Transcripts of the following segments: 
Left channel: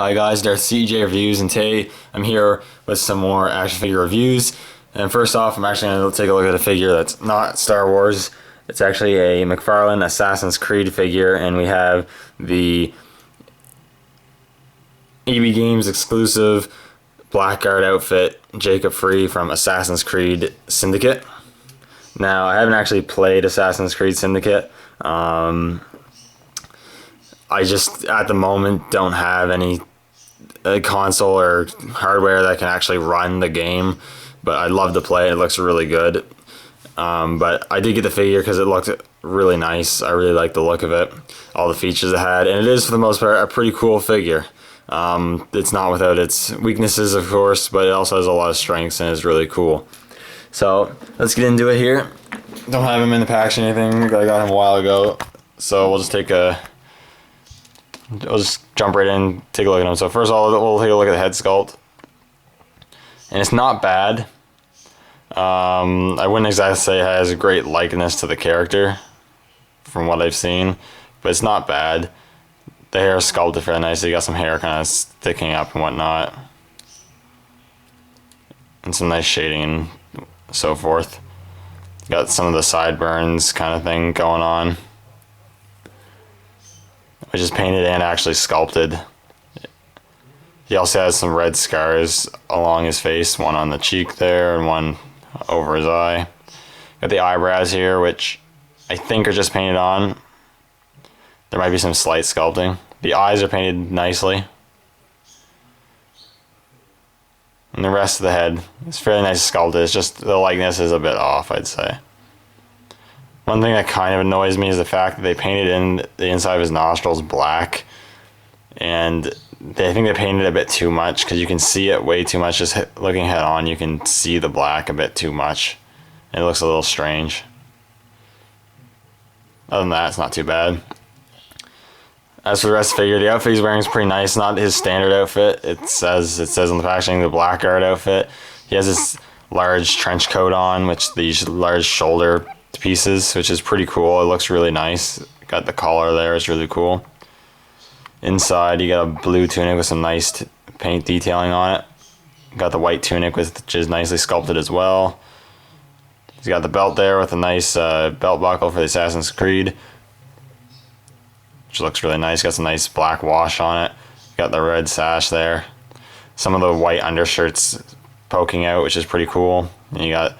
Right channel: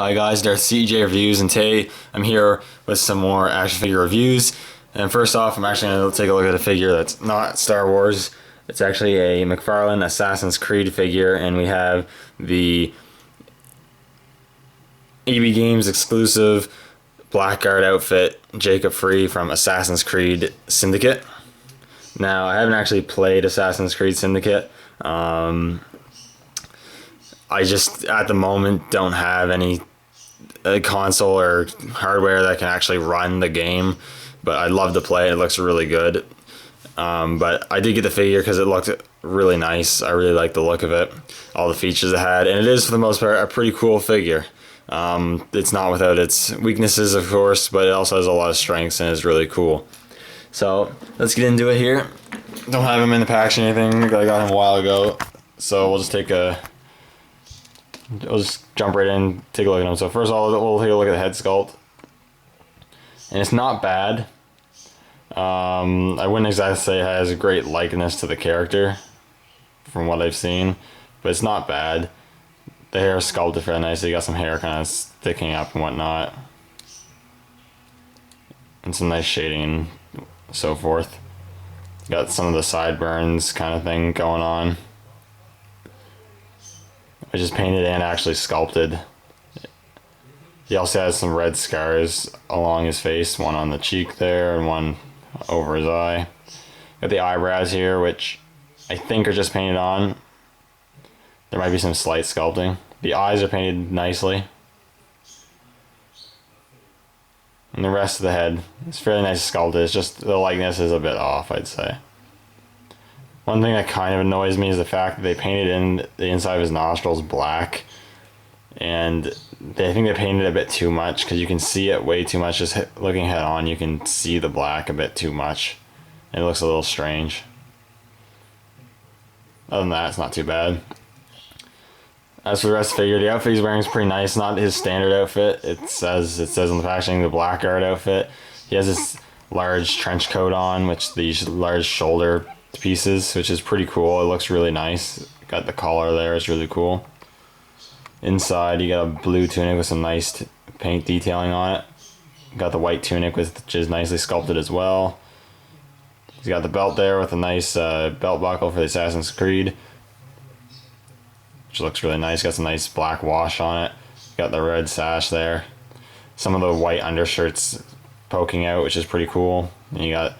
Hi guys, Darth CJ Reviews, and today I'm here with some more action figure reviews. And first off, I'm actually going to take a look at a figure that's not Star Wars. It's actually a McFarlane Assassin's Creed figure, and we have the EB Games exclusive Blackguard outfit, Jacob Frye from Assassin's Creed Syndicate. Now, I haven't actually played Assassin's Creed Syndicate. I just, at the moment, don't have any console or hardware that can actually run the game, but I'd love to play it. It looks really good. But I did get the figure because it looked really nice. I really like the look of it, all the features it had, and it is, for the most part, a pretty cool figure. It's not without its weaknesses, of course, but it also has a lot of strengths and is really cool. So let's get into it here. Don't have him in the package or anything. I got him a while ago, so we'll just I'll just jump right in, take a look at him. So first of all, we'll take a look at the head sculpt, and it's not bad. I wouldn't exactly say it has a great likeness to the character from what I've seen, but it's not bad. The hair is sculpted very nicely. You got some hair kind of sticking up and whatnot, and some nice shading and so forth. You got some of the sideburns kind of thing going on, which is painted and actually sculpted. He also has some red scars along his face, one on the cheek there and one over his eye. Got the eyebrows here, which I think are just painted on. There might be some slight sculpting. The eyes are painted nicely. And the rest of the head is fairly nice sculpted. It's just the likeness is a bit off, I'd say. One thing that kind of annoys me is the fact that they painted in the inside of his nostrils black, and I think they painted a bit too much, because you can see it way too much. Just looking head on, you can see the black a bit too much. It looks a little strange. Other than that, it's not too bad. As for the rest of the figure, the outfit he's wearing is pretty nice. Not his standard outfit. It says on the packaging, the Blackguard outfit. He has this large trench coat on, which these large shoulder pieces, which is pretty cool. It looks really nice. Got the collar there, it's really cool. Inside, you got a blue tunic with some nice paint detailing on it. Got the white tunic, which is nicely sculpted as well. He's got the belt there with a nice belt buckle for the Assassin's Creed, which looks really nice. Got some nice black wash on it. Got the red sash there. Some of the white undershirts poking out, which is pretty cool. And you got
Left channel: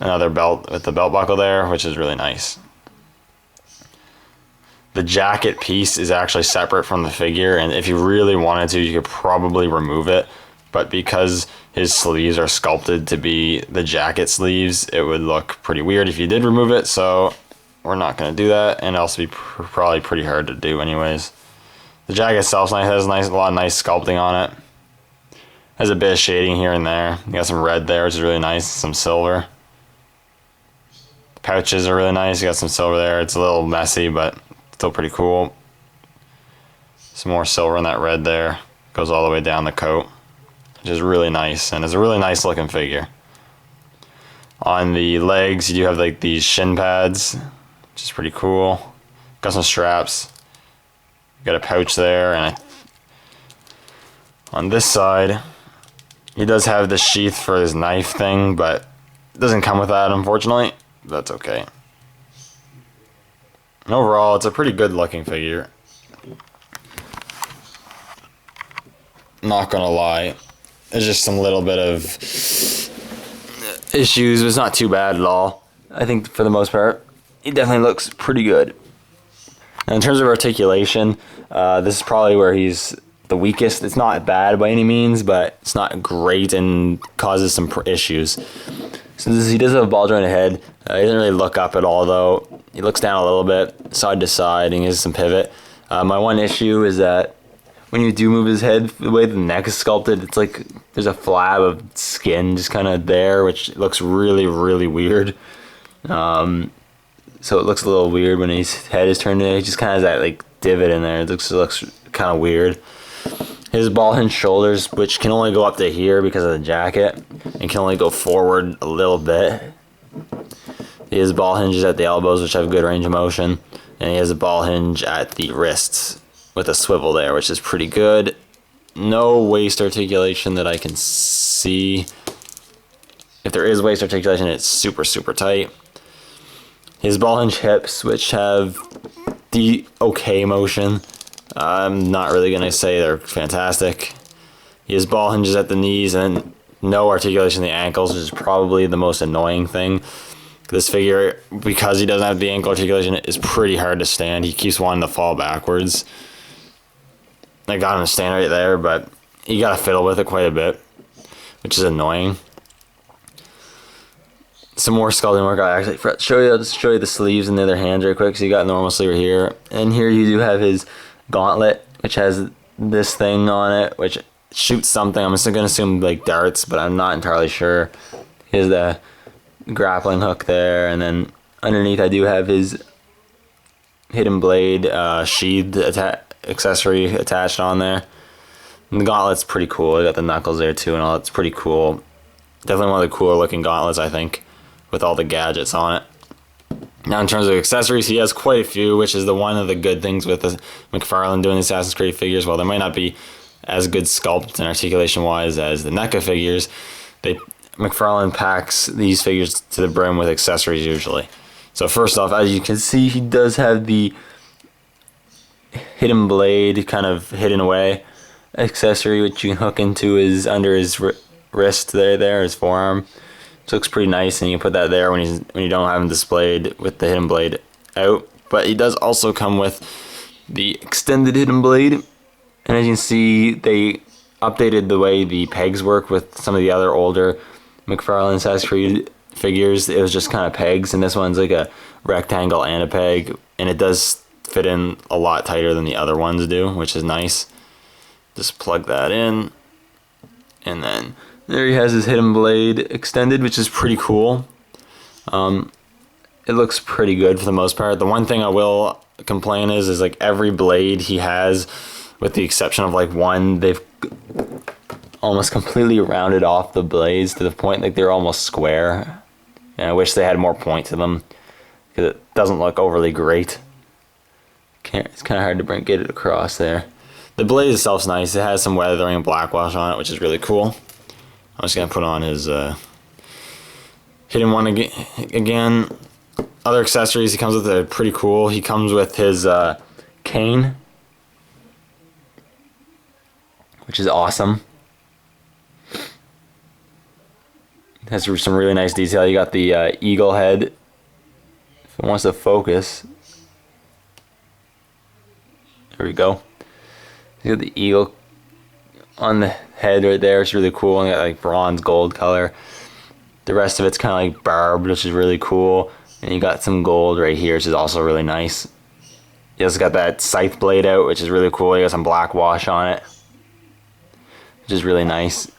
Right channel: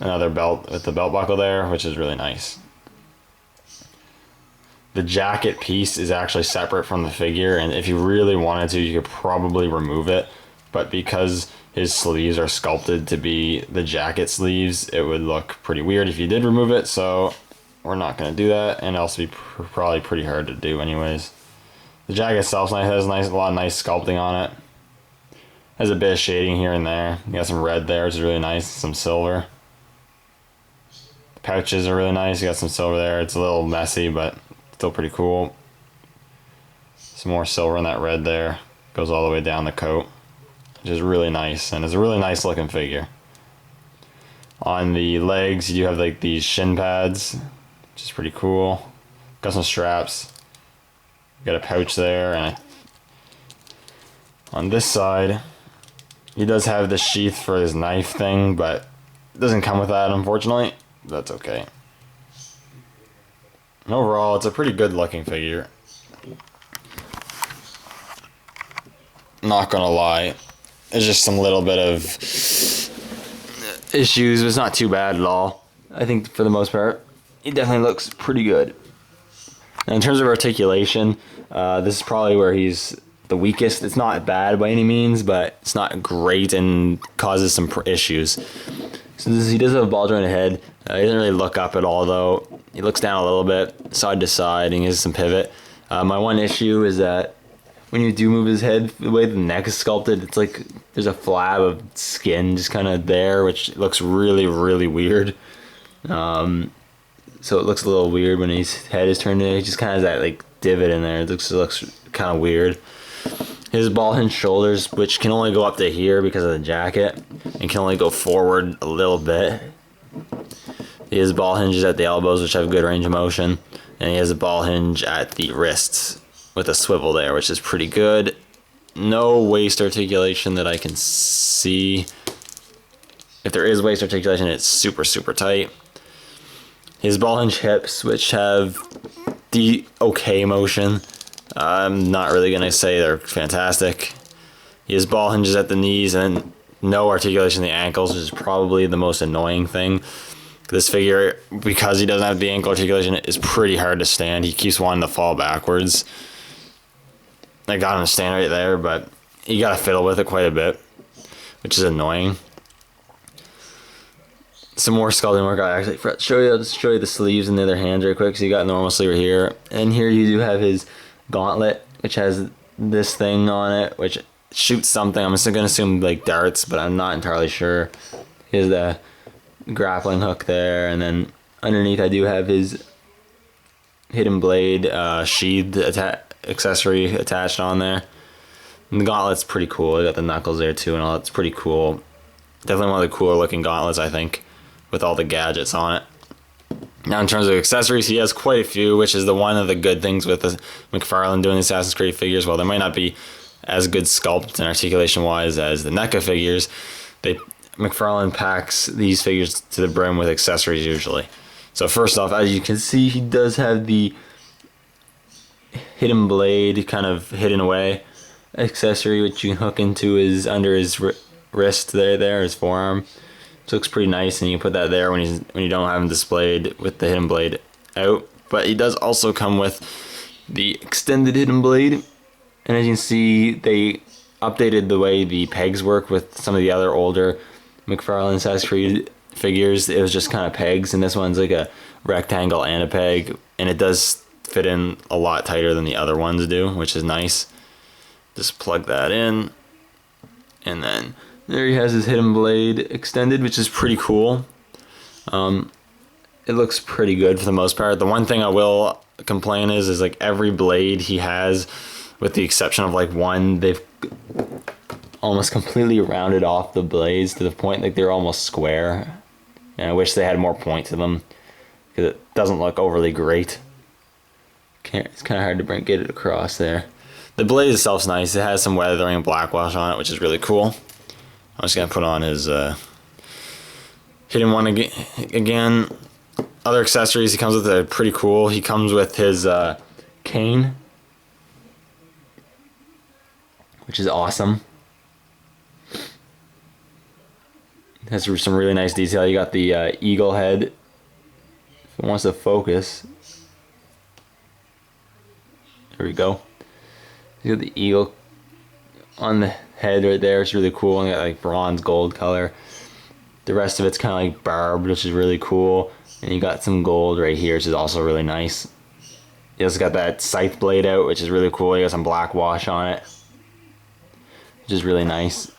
another belt with the belt buckle there, which is really nice. The jacket piece is actually separate from the figure, and if you really wanted to, you could probably remove it, but because his sleeves are sculpted to be the jacket sleeves, it would look pretty weird if you did remove it, so we're not going to do that, and it'll also be probably pretty hard to do anyways. The jacket itself has a lot of nice sculpting on it. Has a bit of shading here and there. You got some red there, which is really nice, some silver. Pouches are really nice. You got some silver there. It's a little messy, but still pretty cool. Some more silver in that red there. Goes all the way down the coat, which is really nice, and it's a really nice looking figure. On the legs, you do have like these shin pads, which is pretty cool. Got some straps. Got a pouch there, and on this side, he does have the sheath for his knife thing, but it doesn't come with that, unfortunately. That's okay. And overall, it's a pretty good looking figure. Not gonna lie, there's just some little bit of issues, but it's not too bad at all. I think for the most part, it definitely looks pretty good. And in terms of articulation, this is probably where he's the weakest. It's not bad by any means, but it's not great and causes some issues. So he does have a ball jointed head. He doesn't really look up at all, though. He looks down a little bit, side to side, and he has some pivot. My one issue is that when you do move his head, the way the neck is sculpted, it's like there's a flab of skin just kind of there, which looks really, really weird. So it looks a little weird when his head is turned in. He just kind of has that like divot in there. It looks kind of weird. His ball hinge shoulders, which can only go up to here because of the jacket, and can only go forward a little bit. He has ball hinges at the elbows, which have good range of motion, and he has a ball hinge at the wrists with a swivel there, which is pretty good. no waist articulation that I can see. If there is waist articulation, it's super, super tight. His ball hinge hips, which have the okay motion. I'm not really going to say they're fantastic. He has ball hinges at the knees and no articulation in the ankles, which is probably the most annoying thing. This figure, because he doesn't have the ankle articulation, is pretty hard to stand. He keeps wanting to fall backwards. I got him to stand right there, but you got to fiddle with it quite a bit, which is annoying. Some more sculpting work. I'll show you the sleeves and the other hands real quick. So you got normal sleeve here, and here you do have his gauntlet, which has this thing on it, which shoots something. I'm just gonna assume like darts, but I'm not entirely sure. Here's the grappling hook there, and then underneath I do have his hidden blade sheathed accessory attached on there. And the gauntlet's pretty cool. You got the knuckles there too, and all. It's pretty cool. Definitely one of the cooler looking gauntlets, I think, with all the gadgets on it. Now, in terms of accessories, he has quite a few, which is one of the good things with the McFarlane doing the Assassin's Creed figures. While there might not be as good sculpt and articulation wise as the NECA figures, McFarlane packs these figures to the brim with accessories usually. So first off, as you can see, he does have the hidden blade kind of hidden away accessory, which you can hook into under his wrist there, his forearm. So it looks pretty nice, and you can put that there when you don't have him displayed with the hidden blade out. But he does also come with the extended hidden blade, and as you can see, they updated the way the pegs work with some of the other older McFarlane Assassin's Creed figures. It was just kind of pegs, and this one's like a rectangle and a peg, and it does fit in a lot tighter than the other ones do, which is nice. Just plug that in, and then there he has his hidden blade extended, which is pretty cool. It looks pretty good for the most part. The one thing I will complain is like every blade he has, with the exception of like one, they've almost completely rounded off the blades to the point like they're almost square. And I wish they had more point to them, because it doesn't look overly great. It's kind of hard to get it across there. The blade itself's nice. It has some weathering and blackwash on it, which is really cool. I'm just going to put on his hidden one again. Other accessories he comes with are pretty cool. He comes with his cane, which is awesome. It has some really nice detail. You got the eagle head. If it wants to focus. There we go. You got the eagle on the head right there. It's really cool. And got like bronze gold color. The rest of it's kind of like barbed, which is really cool. And you got some gold right here, which is also really nice. You also got that scythe blade out, which is really cool. You got some black wash on it, which is really nice.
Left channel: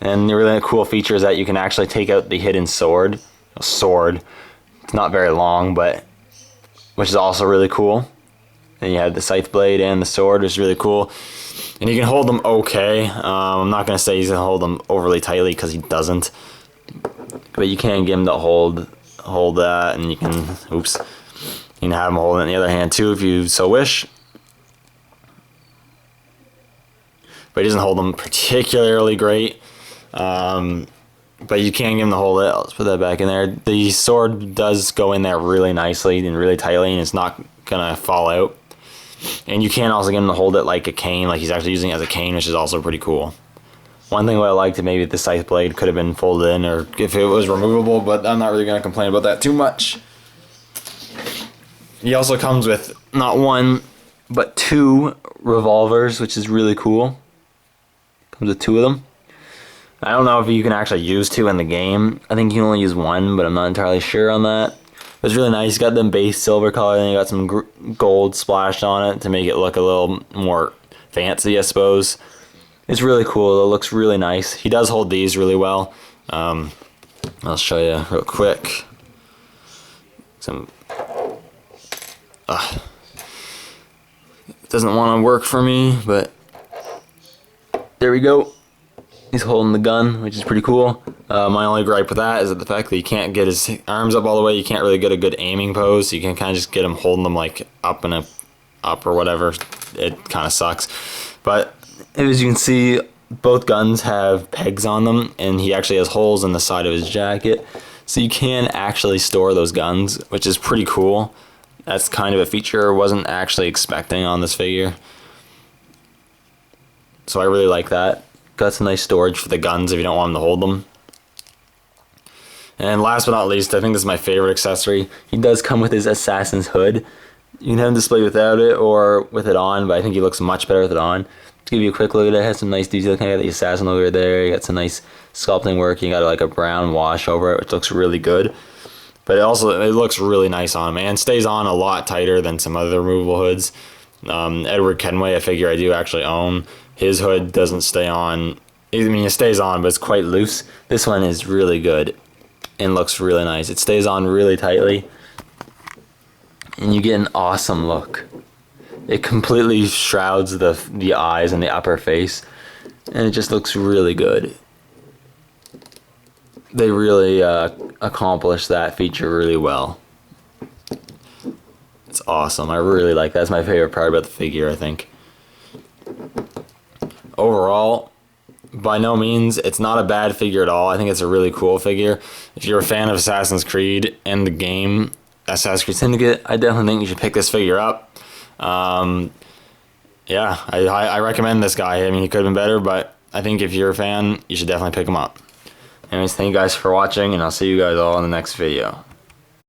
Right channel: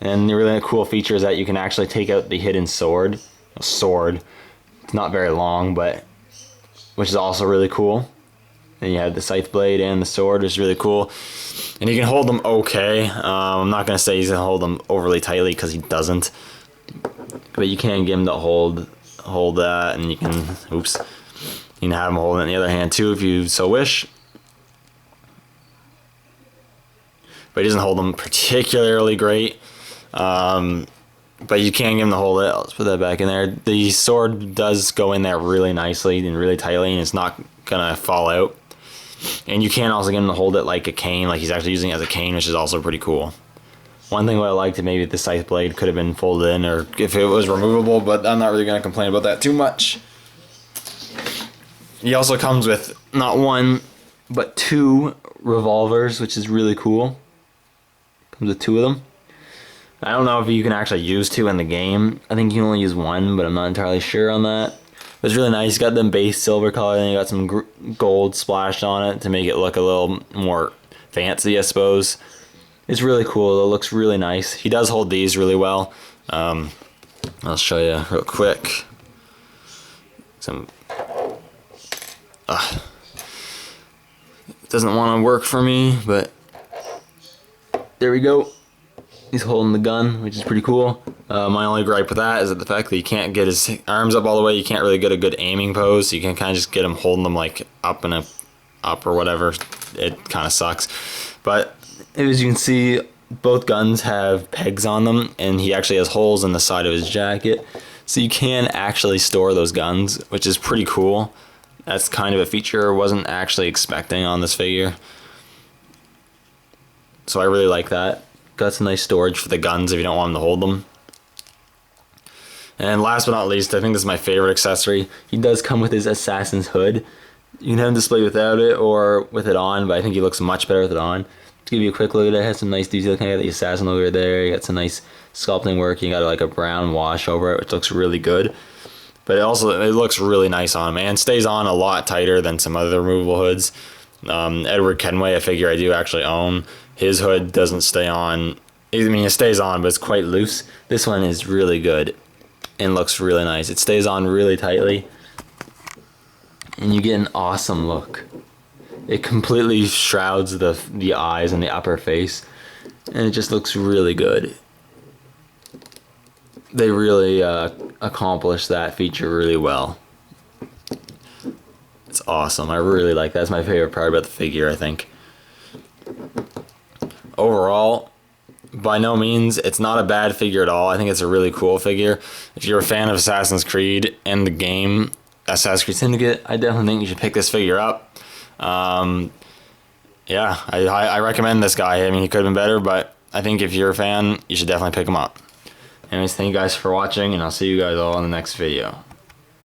And the really cool feature is that you can actually take out the hidden sword. It's not very long, but which is also really cool. And you have the scythe blade and the sword, which is really cool. And you can hold them okay. I'm not going to say he's going to hold them overly tightly, because he doesn't. But you can get him to hold that, and you can, you can have him hold it in the other hand too if you so wish. But he doesn't hold them particularly great. But you can get him to hold it. Let's put that back in there. The sword does go in there really nicely and really tightly, and it's not going to fall out. And you can also get him to hold it like a cane, like he's actually using it as a cane, which is also pretty cool. One thing what I liked, maybe the scythe blade could have been folded in, or if it was removable, but I'm not really going to complain about that too much. He also comes with not one, but two revolvers, which is really cool. Comes with two of them. I don't know if you can actually use two in the game. I think you can only use one, but I'm not entirely sure on that. But it's really nice. You got them base silver color, and you got some gold splashed on it to make it look a little more fancy, I suppose. It's really cool. It looks really nice. He does hold these really well. I'll show you real quick. It doesn't want to work for me, but there we go. He's holding the gun, which is pretty cool. My only gripe with that is that the fact that he can't get his arms up all the way. You can't really get a good aiming pose. So you can kind of just get him holding them like up up or whatever, it kind of sucks. But as you can see, both guns have pegs on them, and he actually has holes in the side of his jacket, so you can actually store those guns, which is pretty cool. That's kind of a feature I wasn't actually expecting on this figure. So I really like that. Got some nice storage for the guns if you don't want them to hold them. And last but not least, I think this is my favorite accessory. He does come with his Assassin's hood. You can have him displayed without it or with it on, but I think he looks much better with it on. To give you a quick look at it, it has some nice detail. Kind of got the Assassin logo there. You got some nice sculpting work. You got like a brown wash over it, which looks really good. But it looks really nice on him, and stays on a lot tighter than some other removable hoods. Edward Kenway, a figure I do actually own, his hood doesn't stay on. I mean, it stays on, but it's quite loose. This one is really good and looks really nice. It stays on really tightly, and you get an awesome look. It completely shrouds the eyes and the upper face, and it just looks really good. They really accomplished that feature really well. It's awesome. I really like that. That's my favorite part about the figure, I think. Overall, by no means, it's not a bad figure at all. I think it's a really cool figure. If you're a fan of Assassin's Creed and the game Assassin's Creed Syndicate, I definitely think you should pick this figure up. Yeah, I recommend this guy. I mean, he could have been better, but I think if you're a fan, you should definitely pick him up. Anyways, thank you guys for watching, and I'll see you guys all in the next video.